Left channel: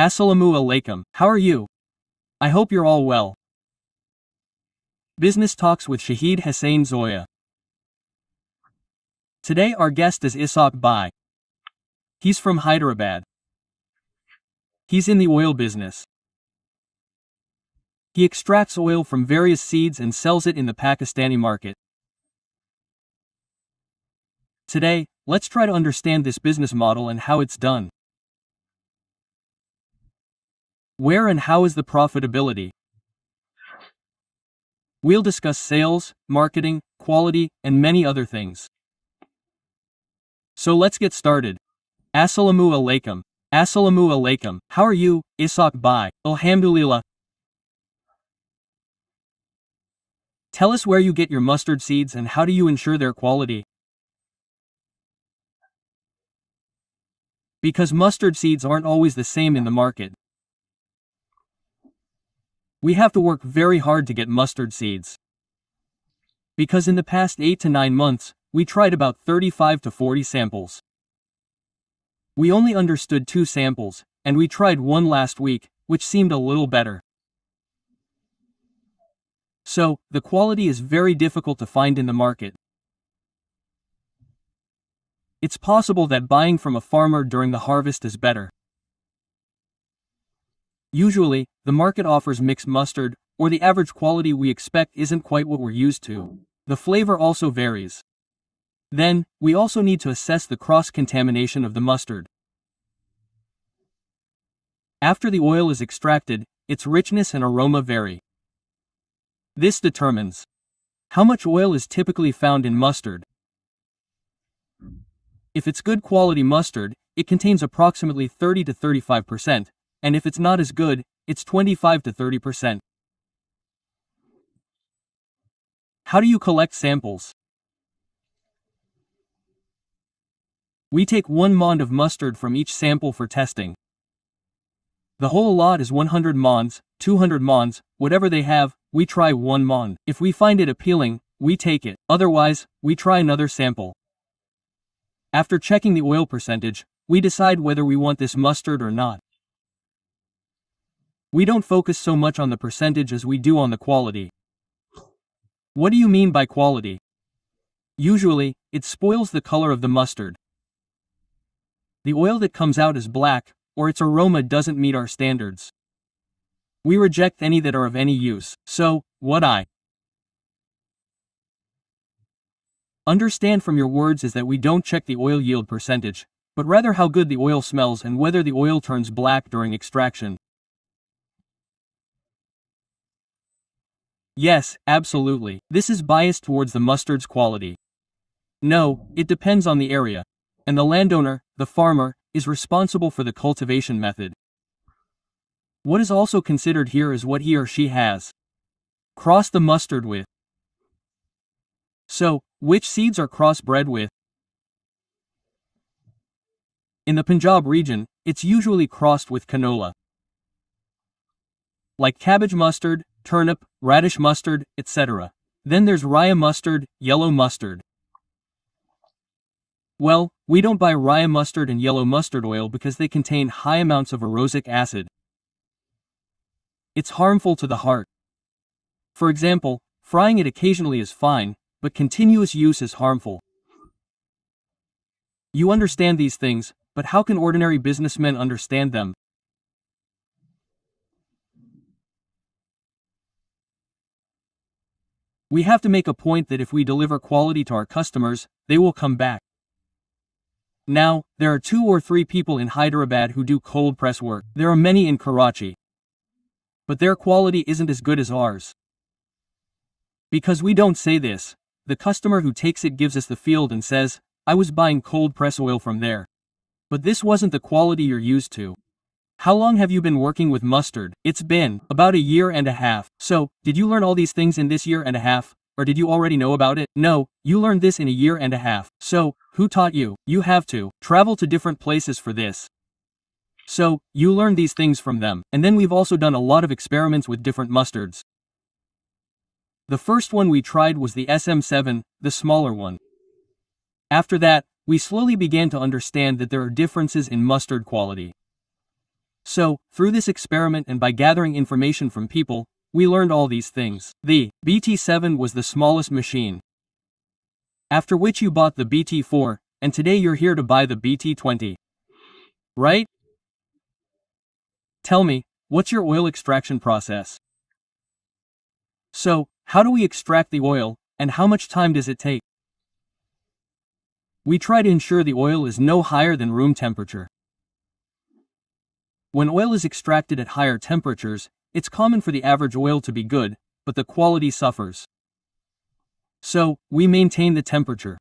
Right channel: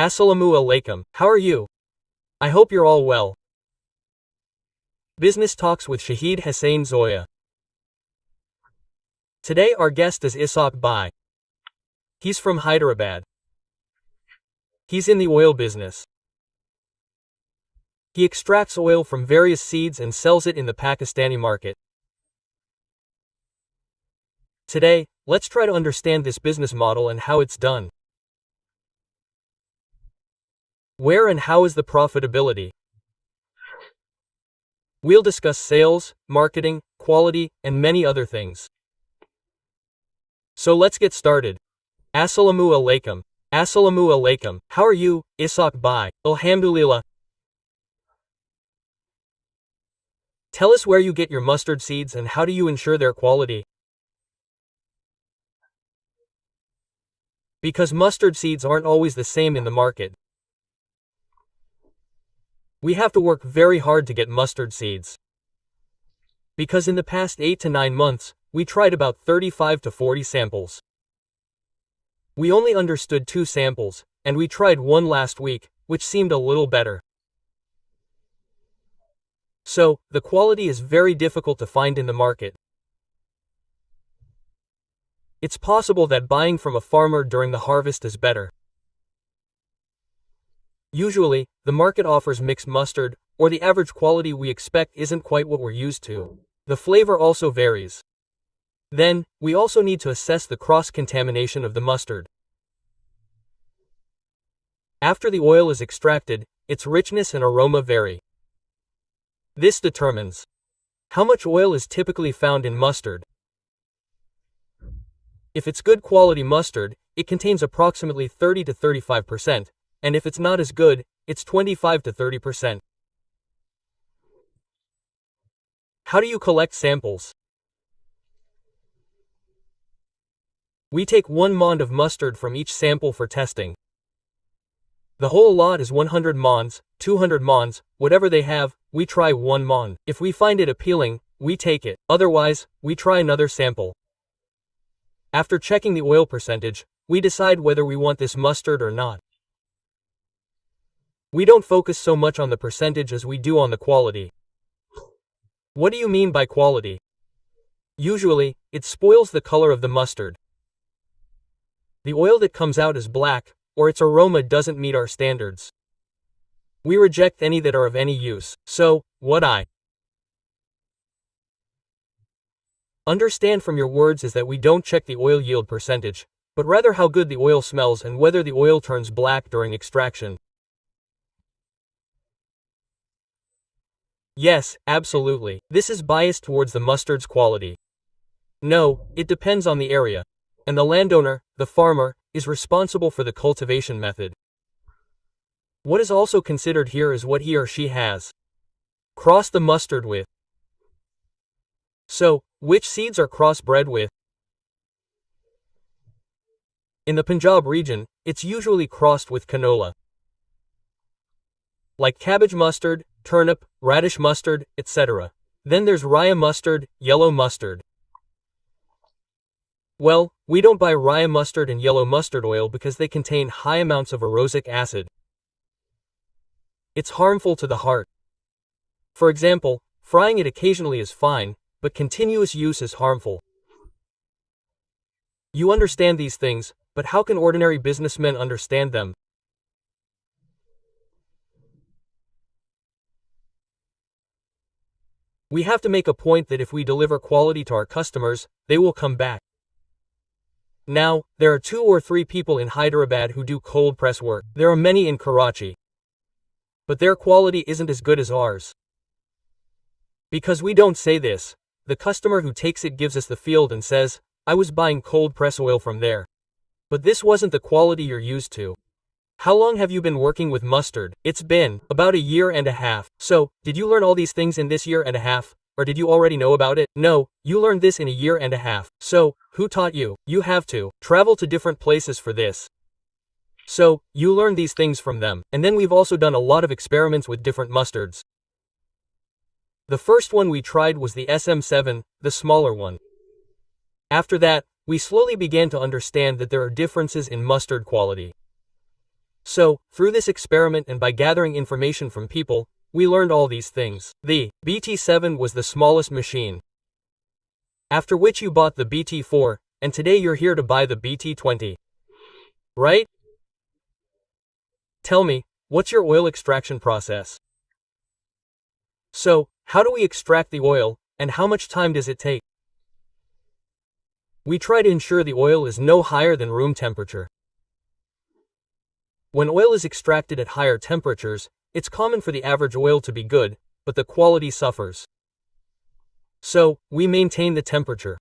Assalamu alaikum, how are you? I hope you're all well. Business Talks with Shahid Hussain Zoya. Today our guest is Ishaq Bhai. He's from Hyderabad. He's in the oil business. He extracts oil from various seeds and sells it in the Pakistani market. Today, let's try to understand this business model and how it's done. Where and how is the profitability? We'll discuss sales, marketing, quality, and many other things. So let's get started. Assalamu alaikum. Assalamu alaikum. How are you, Ishaq Bhai? Alhamdulillah. Tell us where you get your mustard seeds and how do you ensure their quality? Because mustard seeds aren't always the same in the market. We have to work very hard to get mustard seeds. Because in the past 8 to 9 months, we tried about 35 to 40 samples. We only understood 2 samples, and we tried one last week, which seemed a little better. So, the quality is very difficult to find in the market. It's possible that buying from a farmer during the harvest is better. Usually, the market offers mixed mustard, or the average quality we expect isn't quite what we're used to. The flavor also varies. Then, we also need to assess the cross-contamination of the mustard. After the oil is extracted, its richness and aroma vary. This determines how much oil is typically found in mustard. If it's good quality mustard, it contains approximately 30 to 35%, and if it's not as good, it's 25 to 30%. How do you collect samples? We take 1 mond of mustard from each sample for testing. The whole lot is 100 monds, 200 monds, whatever they have, we try 1 mond. If we find it appealing, we take it, otherwise, we try another sample. After checking the oil percentage, we decide whether we want this mustard or not. We don't focus so much on the percentage as we do on the quality. What do you mean by quality? Usually, it spoils the color of the mustard. The oil that comes out is black, or its aroma doesn't meet our standards. We reject any that are of any use, so, what I understand from your words is that we don't check the oil yield percentage, but rather how good the oil smells and whether the oil turns black during extraction. Yes, absolutely. This is biased towards the mustard's quality. No, it depends on the area. And the landowner, the farmer, is responsible for the cultivation method. What is also considered here is what he or she has crossed the mustard with. So, which seeds are crossbred with? In the Punjab region, it's usually crossed with canola. Like cabbage mustard, turnip, radish mustard, etc. Then there's raya mustard, yellow mustard. Well, we don't buy raya mustard and yellow mustard oil because they contain high amounts of erotic acid. It's harmful to the heart. For example, frying it occasionally is fine, but continuous use is harmful. You understand these things, but how can ordinary businessmen understand them? We have to make a point that if we deliver quality to our customers, they will come back. Now, there are 2 or 3 people in Hyderabad who do cold press work. There are many in Karachi. But their quality isn't as good as ours. Because we don't say this, the customer who takes it gives us the field and says, I was buying cold press oil from there. But this wasn't the quality you're used to. How long have you been working with mustard? It's been about 1.5 years. So, did you learn all these things in this 1.5 years? Or did you already know about it? No, you learned this in 1.5 years. So, who taught you? You have to travel to different places for this. So, you learn these things from them. And then we've also done a lot of experiments with different mustards. The first one we tried was the SM7, the smaller one. After that, we slowly began to understand that there are differences in mustard quality. So, through this experiment and by gathering information from people, we learned all these things. The BT7 was the smallest machine. After which you bought the BT4, and today you're here to buy the BT20. Right? Tell me, what's your oil extraction process? So, how do we extract the oil, and how much time does it take? We try to ensure the oil is no higher than room temperature. When oil is extracted at higher temperatures, it's common for the average oil to be good, but the quality suffers. So, we maintain the temperature.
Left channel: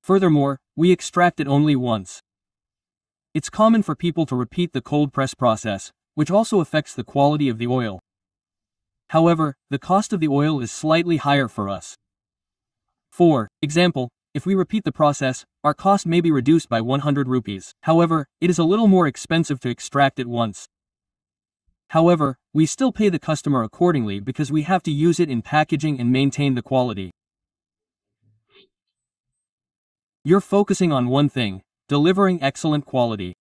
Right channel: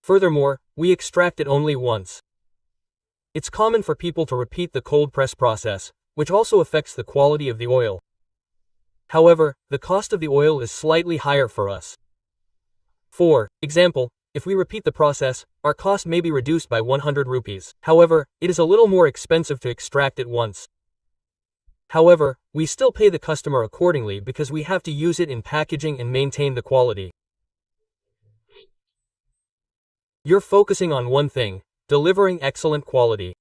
Furthermore, we extract it only once. It's common for people to repeat the cold press process, which also affects the quality of the oil. However, the cost of the oil is slightly higher for us. For example, if we repeat the process, our cost may be reduced by 100 rupees. However, it is a little more expensive to extract it once. However, we still pay the customer accordingly because we have to use it in packaging and maintain the quality. You're focusing on one thing: delivering excellent quality.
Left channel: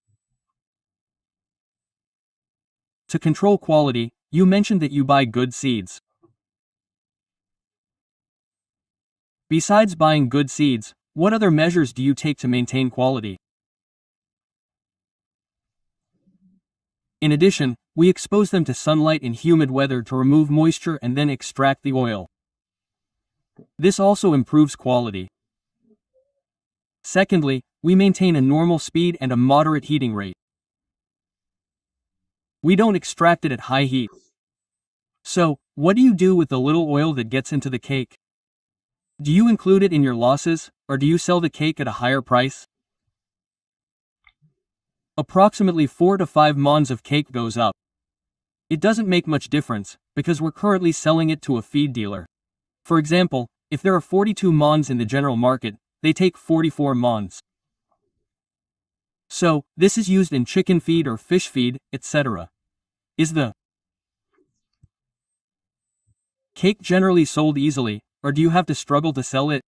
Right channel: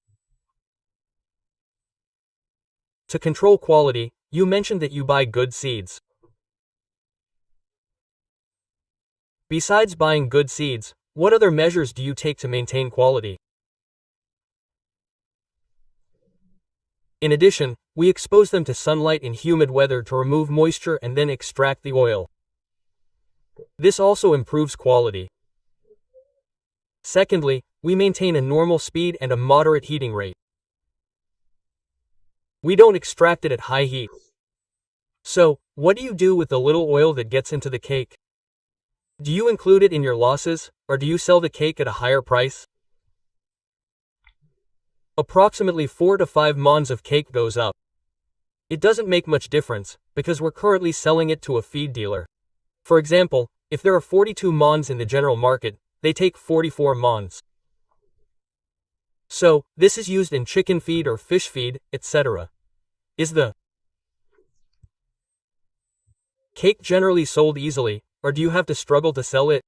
To control quality, you mentioned that you buy good seeds. Besides buying good seeds, what other measures do you take to maintain quality? In addition, we expose them to sunlight in humid weather to remove moisture and then extract the oil. This also improves quality. Secondly, we maintain a normal speed and a moderate heating rate. We don't extract it at high heat. So, what do you do with the little oil that gets into the cake? Do you include it in your losses, or do you sell the cake at a higher price? Approximately 4 to 5 mons of cake goes up. It doesn't make much difference, because we're currently selling it to a feed dealer. For example, if there are 42 mons in the general market, they take 44 mons. So, this is used in chicken feed or fish feed, etc. Is the cake generally sold easily, or do you have to struggle to sell it?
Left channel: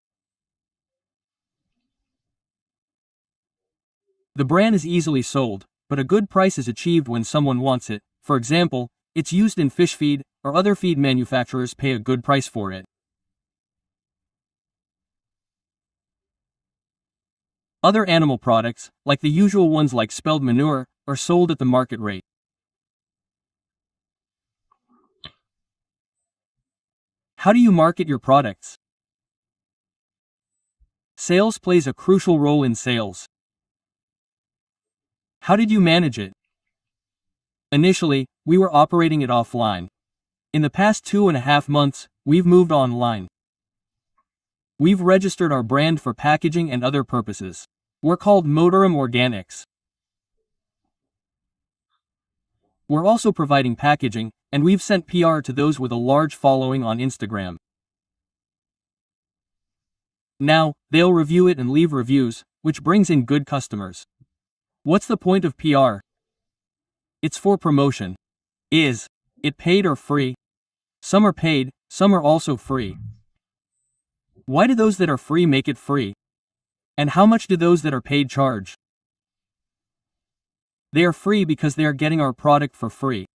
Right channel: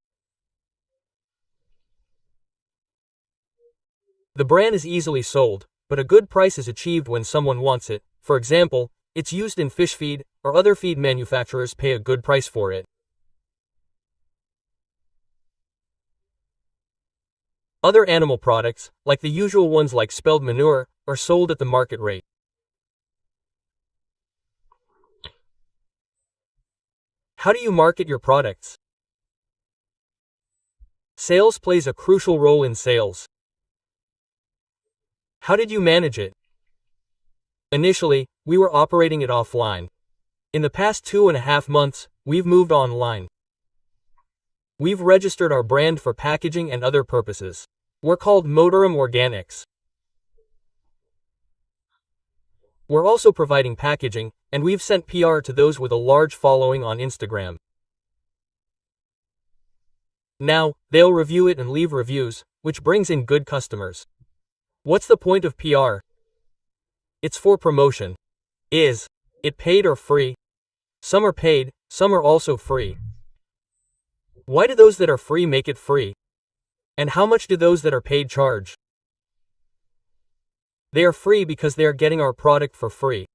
The bran is easily sold, but a good price is achieved when someone wants it. For example, it's used in fish feed, or other feed manufacturers pay a good price for it. Other animal products, like the usual ones like spelled manure, are sold at the market rate. How do you market your products? Sales plays a crucial role in sales. How did you manage it? Initially, we were operating it offline. In the past 2.5 months, we've moved online. We've registered our brand for packaging and other purposes. We're called Motorum Organics. We're also providing packaging, and we've sent PR to those with a large following on Instagram. Now, they'll review it and leave reviews, which brings in good customers. What's the point of PR? It's for promotion. Is it paid or free? Some are paid, some are also free. Why do those that are free make it free? And how much do those that are paid charge? They are free because they are getting our product for free.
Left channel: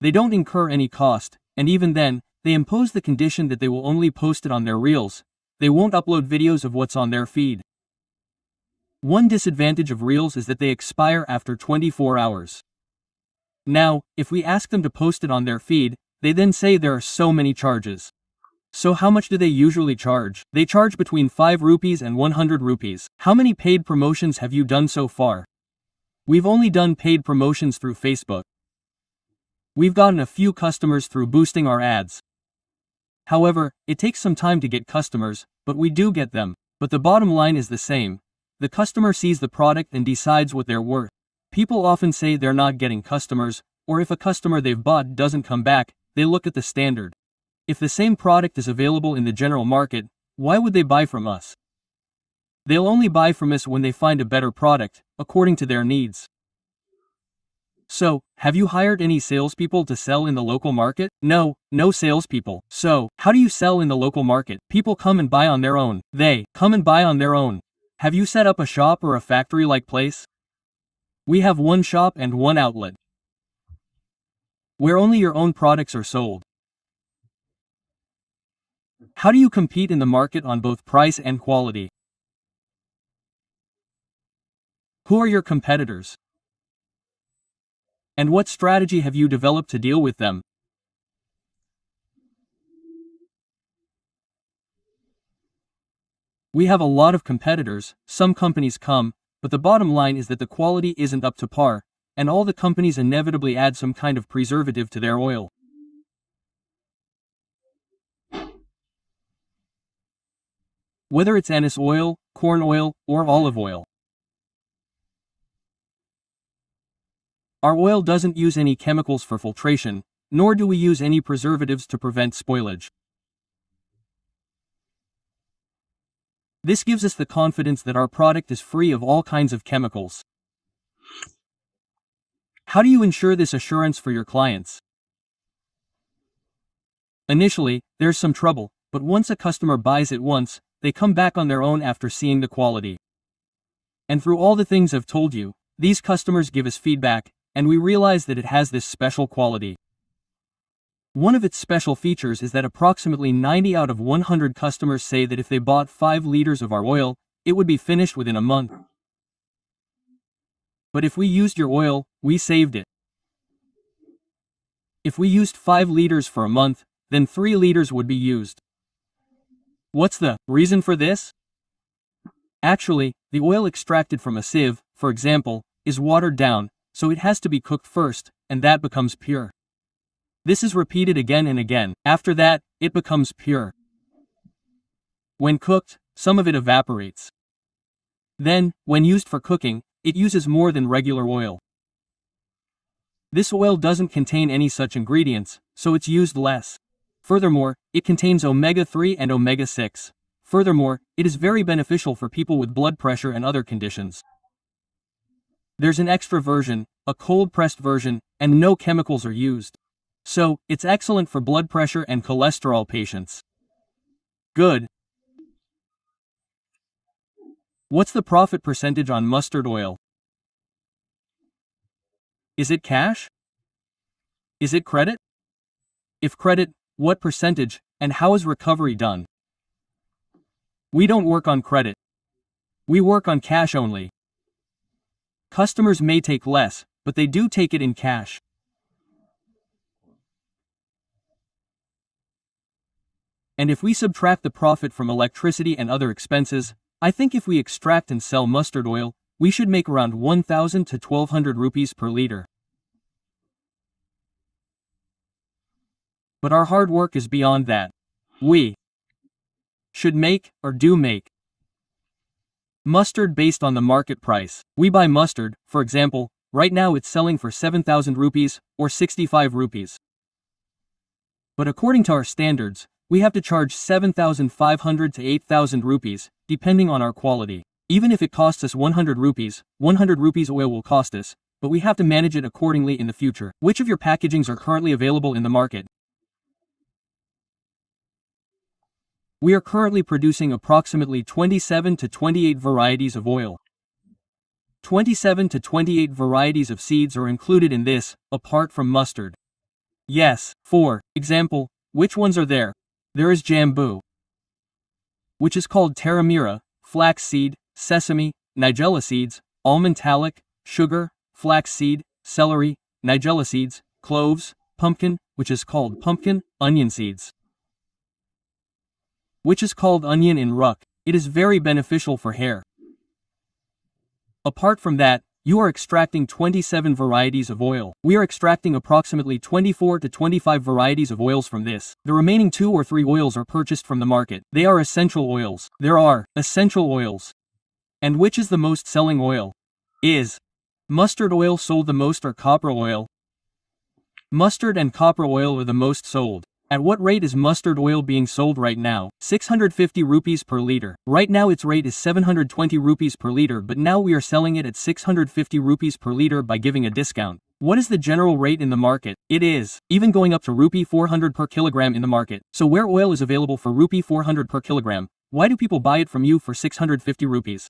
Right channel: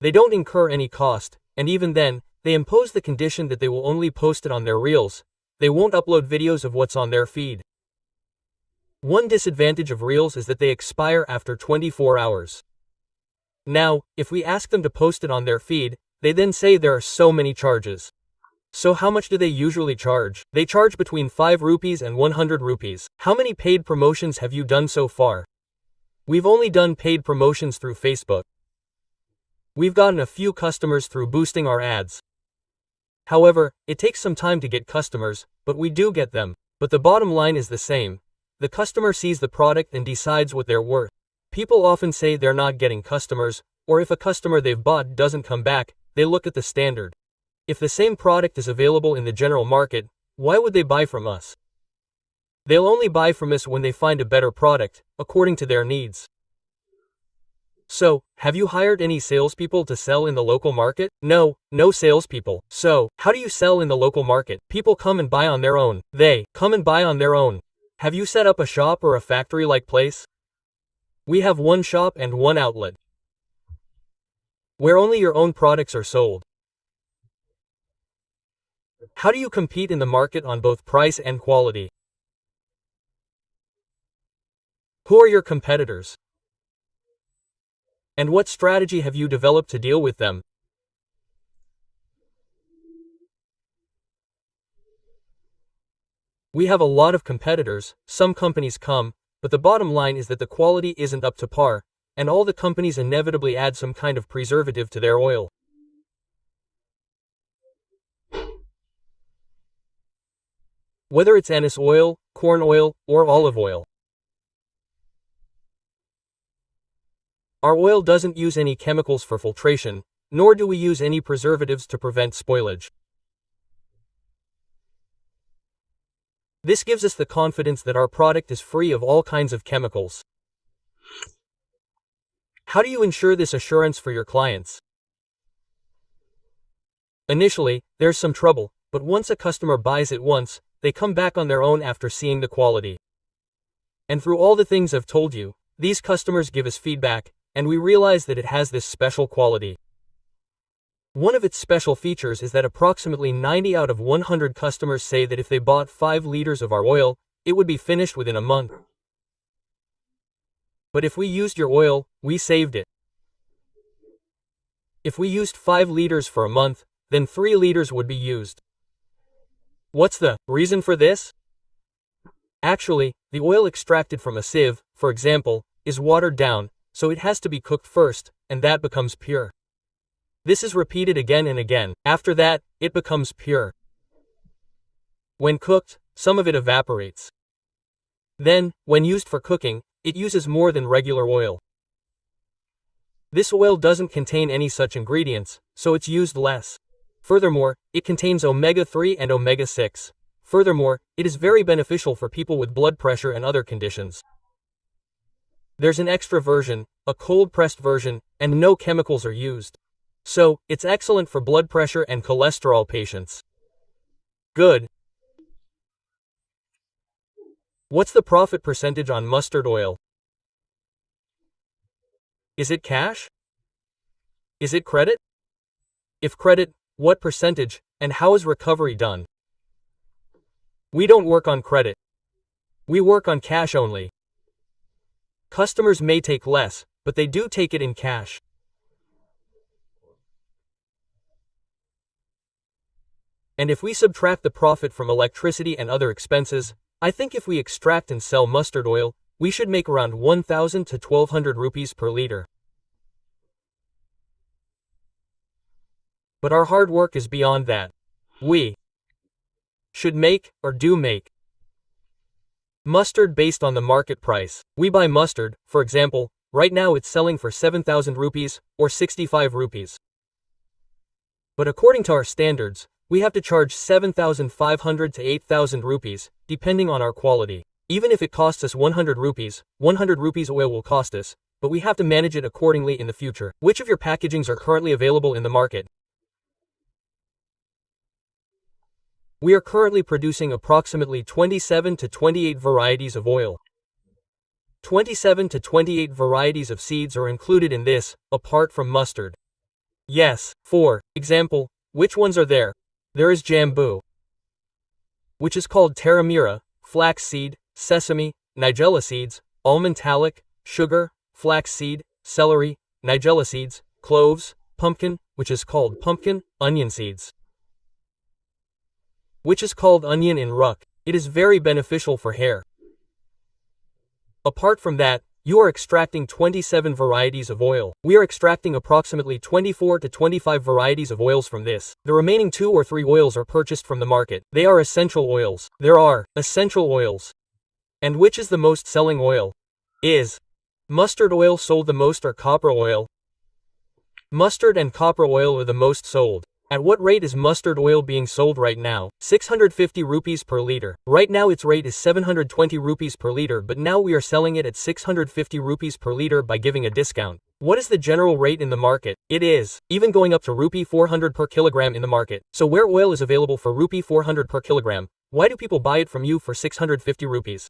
They don't incur any cost, and even then, they impose the condition that they will only post it on their reels. They won't upload videos of what's on their feed. One disadvantage of reels is that they expire after 24 hours. Now, if we ask them to post it on their feed, they then say there are so many charges. So how much do they usually charge? They charge between 5 rupees and 100 rupees. How many paid promotions have you done so far? We've only done paid promotions through Facebook. We've gotten a few customers through boosting our ads. However, it takes some time to get customers, but we do get them. But the bottom line is the same. The customer sees the product and decides what they're worth. People often say they're not getting customers, or if a customer they've bought doesn't come back, they look at the standard. If the same product is available in the general market, why would they buy from us? They'll only buy from us when they find a better product, according to their needs. So, have you hired any salespeople to sell in the local market? No, no salespeople. So, how do you sell in the local market? People come and buy on their own. They come and buy on their own. Have you set up a shop or a factory-like place? We have one shop and one outlet, where only your own products are sold. How do you compete in the market on both price and quality? Who are your competitors? And what strategy have you developed to deal with them? We have a lot of competitors, some companies come, but the bottom line is that the quality isn't up to par, and all the companies inevitably add some kind of preservative to their oil. Whether it's anise oil, corn oil, or olive oil. Our oil doesn't use any chemicals for filtration, nor do we use any preservatives to prevent spoilage. This gives us the confidence that our product is free of all kinds of chemicals. How do you ensure this assurance for your clients? Initially, there's some trouble, but once a customer buys it once, they come back on their own after seeing the quality. And through all the things I've told you, these customers give us feedback, and we realize that it has this special quality. One of its special features is that approximately 90 out of 100 customers say that if they bought 5 liters of our oil, it would be finished within a month. But if we used your oil, we saved it. If we used 5 liters for a month, then 3 liters would be used. What's the reason for this? Actually, the oil extracted from a sieve, for example, is watered down, so it has to be cooked first, and that becomes pure. This is repeated again and again. After that, it becomes pure. When cooked, some of it evaporates. Then, when used for cooking, it uses more than regular oil. This oil doesn't contain any such ingredients, so it's used less. Furthermore, it contains omega-3 and omega-6. Furthermore, it is very beneficial for people with blood pressure and other conditions. There's an extra version, a cold-pressed version, and no chemicals are used. So, it's excellent for blood pressure and cholesterol patients. Good. What's the profit percentage on mustard oil? Is it cash? Is it credit? If credit, what percentage, and how is recovery done? We don't work on credit. We work on cash only. Customers may take less, but they do take it in cash. And if we subtract the profit from electricity and other expenses, I think if we extract and sell mustard oil, we should make around 1,000 to 1,200 rupees per liter. But our hard work is beyond that. We should make, or do make, mustard based on the market price. We buy mustard, for example, right now it's selling for 7,000 rupees, or 65 rupees. But according to our standards, we have to charge 7,500 to 8,000 rupees, depending on our quality. Even if it costs us 100 rupees oil will cost us, but we have to manage it accordingly in the future. Which of your packagings are currently available in the market? We are currently producing approximately 27 to 28 varieties of oil. 27 to 28 varieties of seeds are included in this, apart from mustard. Yes, for example, which ones are there? There is jambu, which is called taramira, flax seed, sesame, nigella seeds, almond talc, sugar, flax seed, celery, nigella seeds, cloves, pumpkin, which is called pumpkin, onion seeds, which is called onion in Ruk. It is very beneficial for hair. Apart from that, you are extracting 27 varieties of oil. We are extracting approximately 24 to 25 varieties of oils from this. The remaining 2 or 3 oils are purchased from the market. They are essential oils. There are essential oils. And which is the most selling oil? Is mustard oil sold the most or copra oil? Mustard and copra oil are the most sold. At what rate is mustard oil being sold right now? 650 rupees per liter. Right now its rate is 720 rupees per liter, but now we are selling it at 650 rupees per liter by giving a discount. What is the general rate in the market? It is even going up to rupee 400 per kilogram in the market. So where oil is available for rupee 400 per kilogram, why do people buy it from you for 650 rupees?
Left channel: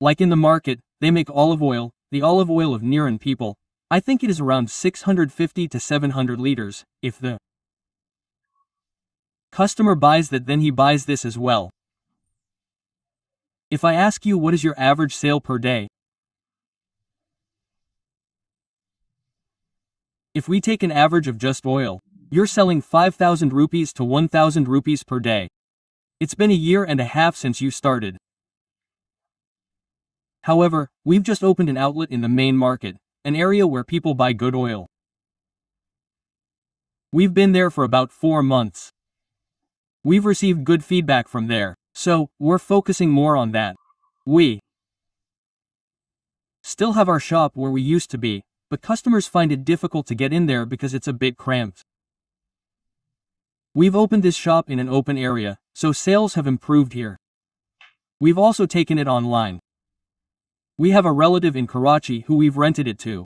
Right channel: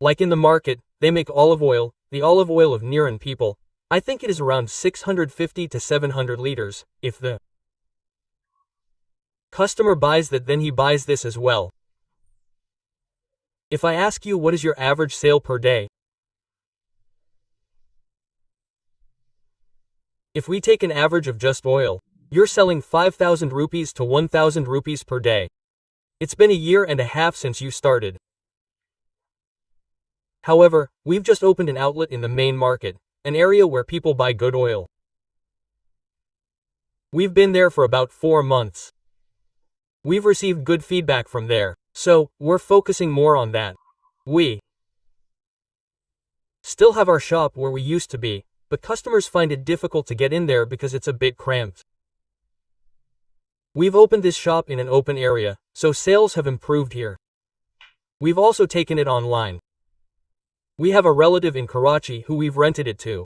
Like in the market, they make olive oil, the olive oil of Niran people. I think it is around 650 to 700 liters. If the customer buys that, then he buys this as well. If I ask you what is your average sale per day? If we take an average of just oil, you're selling 5,000 rupees to 1,000 rupees per day. It's been a year and a half since you started. However, we've just opened an outlet in the main market, an area where people buy good oil. We've been there for about 4 months. We've received good feedback from there, so we're focusing more on that. We still have our shop where we used to be, but customers find it difficult to get in there because it's a bit cramped. We've opened this shop in an open area, so sales have improved here. We've also taken it online. We have a relative in Karachi who we've rented it to.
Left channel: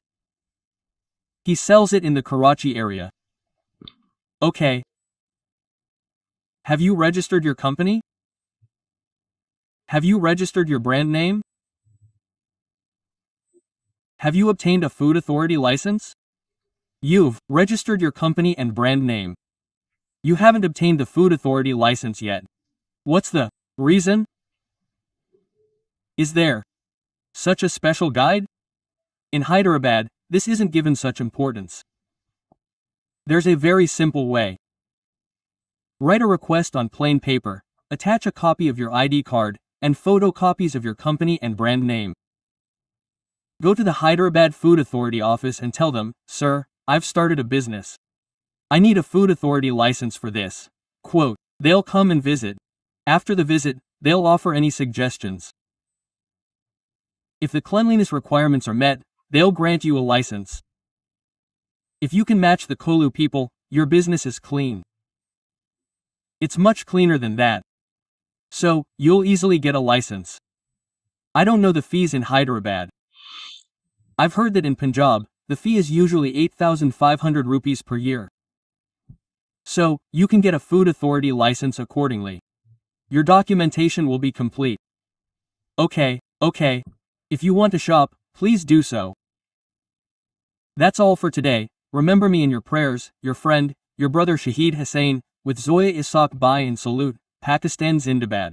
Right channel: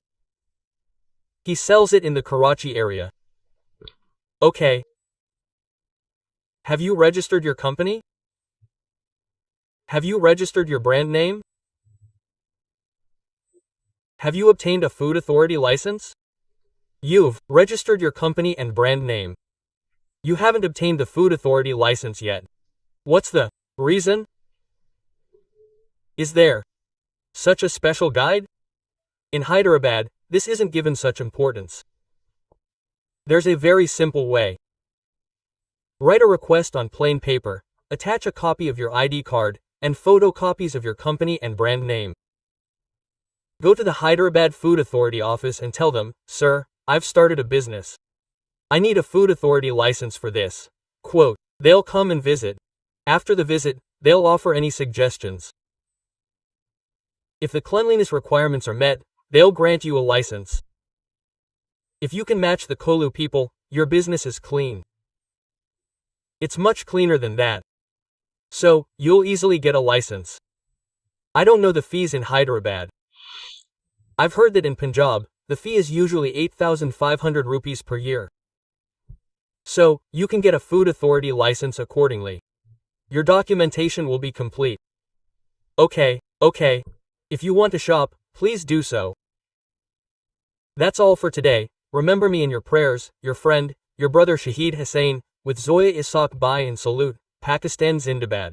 He sells it in the Karachi area. Okay. Have you registered your company? Have you registered your brand name? Have you obtained a food authority license? You've registered your company and brand name. You haven't obtained the food authority license yet. What's the reason? Is there such a special guide? In Hyderabad, this isn't given such importance. There's a very simple way. Write a request on plain paper, attach a copy of your ID card, and photocopies of your company and brand name. Go to the Hyderabad Food Authority office and tell them, "Sir, I've started a business. I need a food authority license for this." Quote, they'll come and visit. After the visit, they'll offer any suggestions. If the cleanliness requirements are met, they'll grant you a license. If you can match the Kolu people, your business is clean. It's much cleaner than that. So, you'll easily get a license. I don't know the fees in Hyderabad. I've heard that in Punjab, the fee is usually 8,500 rupees per year. So, you can get a food authority license accordingly. Your documentation will be complete. Okay. If you want to shop, please do so. That's all for today. Remember me in your prayers, your friend, your brother Shahid Hussain, with Zoya Isaq Bai and salute, Pakistan Zindabad.